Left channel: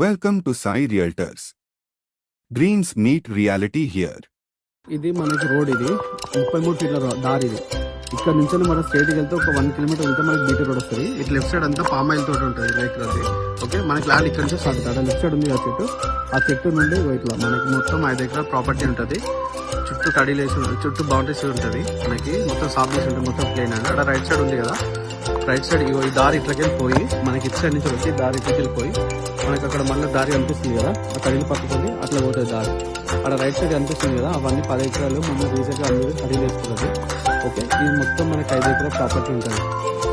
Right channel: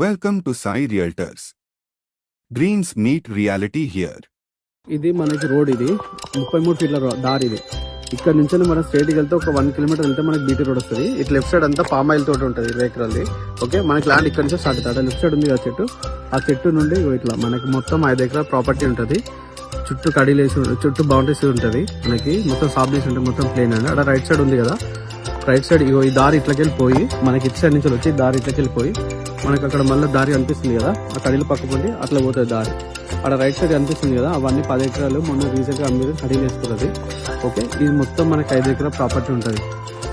Welcome to Sai Realtors. Dreams meet reality here. ఇది మనకి road, ఇది 33 ఫీట్ల దారి. ఇది ఇక్కడ నుంచి మనం స్ట్రైట్ వెళ్తే ఒక 1 కిలోమీటర్ వెళ్తే మనకి బీటీ రోడ్ వస్తుంది. ఇటు లెఫ్ట్ సైడ్ అంతా పామ్ ఆయిల్ తోటి ఉంటుంది, 20 ఎకరాలది. ఓకే, మనకి ల్యాండ్ ఇక్కడ నుంచి స్టార్ట్ అవుతుంది. లెఫ్ట్ సైడ్ ఉంది ఆ చెట్టు నుండి ఇట్లా మనకి మొత్తం 5 ఎకరాల ప్రాపర్టీ ఉంటుంది. చుట్టూ కడీలేసి చుట్టూ బౌండరీస్ ఉంటుంది. మనకి మొత్తం సాబ్లీస్ ఉంటుంది, మొత్తం ప్లేన్ అండి. అక్కడ రైట్ సైడ్ ఉంది కదా, రైట్ సైడ్ ఈ దారి ఇట్లకి వెళ్ళిపోయి మనకి ఇటు సైడ్ నుంచి వచ్చి దారి ఇట్లకి వెళ్ళిపోయి మనకి అక్కడ మళ్ళీ దారి అనిపిస్తుంది కదా, కడీలు పక్కకుండి అట్లా పోతుంది దారి. అక్కడ రైట్ సైడ్ అనిపిస్తుంది కదా, అవన్నీ 10 ఎకరాలు మొన్న రీసెంట్గా అందరూ కడీలు వేసుకుంటుంది. ఓకే, ఇది మొత్తం మనకి 5 ఎకరాల ప్రాపర్టీ ఉంటుంది.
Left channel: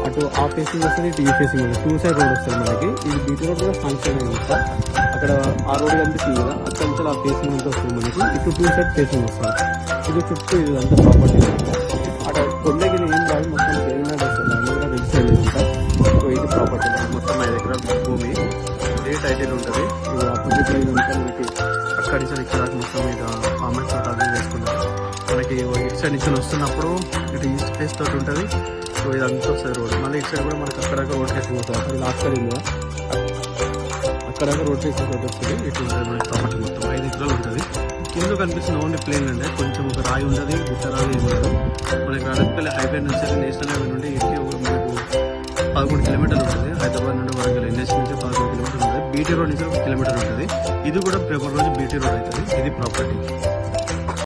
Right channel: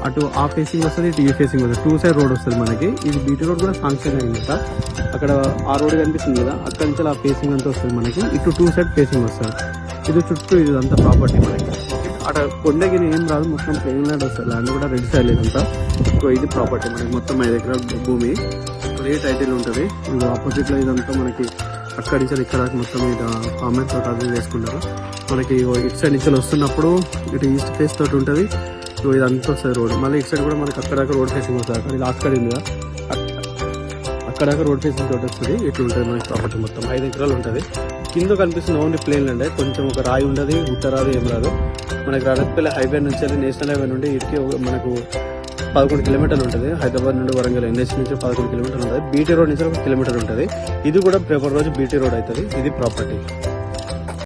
అటు ఆ ఫేసింగ్ వస్తుంది, ఇటు ఈ ఫేసింగ్ వస్తుంది. 2 సైడ్ రోడ్ వస్తుంది మనకి. ఇది బీటీ రోడ్ కూడా ఫంక్షన్ అయింది. అక్కడ ఆ రోడ్ కనిపిస్తుంది కదా, అక్కడ నుంచి ఆ ఫేసింగ్ అంతా వస్తుంది మనకి. ఇటు 2 సైడ్ ఫేసింగ్ వస్తుంది. ఇది చుట్టూ ఇది అంతా ప్రాపర్టీ. అక్కడ కొండకి ఏం రాదు, మొత్తం ప్లేన్ వస్తుంది. అన్నీ కూడా రెడ్ సైడ్ లేదంతా. సో ఇది ప్రాపర్టీ మనకి మొత్తం 5 ఎకరాల భూమి. ఏ టైటిల్ ఉంటుంది. ఇది ఆపోజిట్ ఇదంతా మనకి అక్కడి నుంచి ఇక్కడ మొత్తం ఇది కామెంట్ తోట అదే వేసుకుంటారు. మనకి ఇటు సైడ్ నుంచి వస్తున్నప్పుడు ఇటు ఈస్ట్ ఫేస్ తోటి ఉంటుంది. సో ఇదంతా వస్తుంది రోడ్. మళ్ళీ ఇటు సైడ్ కూడా మనకి అక్కడ రోడ్ ఫేసింగ్ వస్తుంది. అక్కడ లాస్ట్ సైడ్ ఉంది, అక్కడ రోడ్ ఫేసింగ్ తోటి వస్తుంది. ఇటు ఉంటుంది మనకి ప్రాపర్టీ మొత్తం 5 ఎకరాలు ఉంటుంది. కింద కనిపిస్తున్న ఓన్లీ ప్లేన్ అంటే కొంచెం ఒక రాయి ఉండదు, ఉత్తరాది ఏం రాదు. మనకి రాజపల్లి హైవే నుంచి నేషనల్ హైవే నుండి ఇటుకి మనకు 11 కిలోమీటర్లు ఉంటుంది. హైదరాబాద్ నుండి వరంగల్ ఎన్హెచ్ నుంచి 11 కిలోమీటర్లు ఉంటుంది. బీటీ రోడ్ నుంచి 1 కిలోమీటర్ ఉంటుంది. ఇది కూడా పేపర్ రోజు బీటీ రోడ్ అవుతుంది. ఇది ప్రాపర్టీ.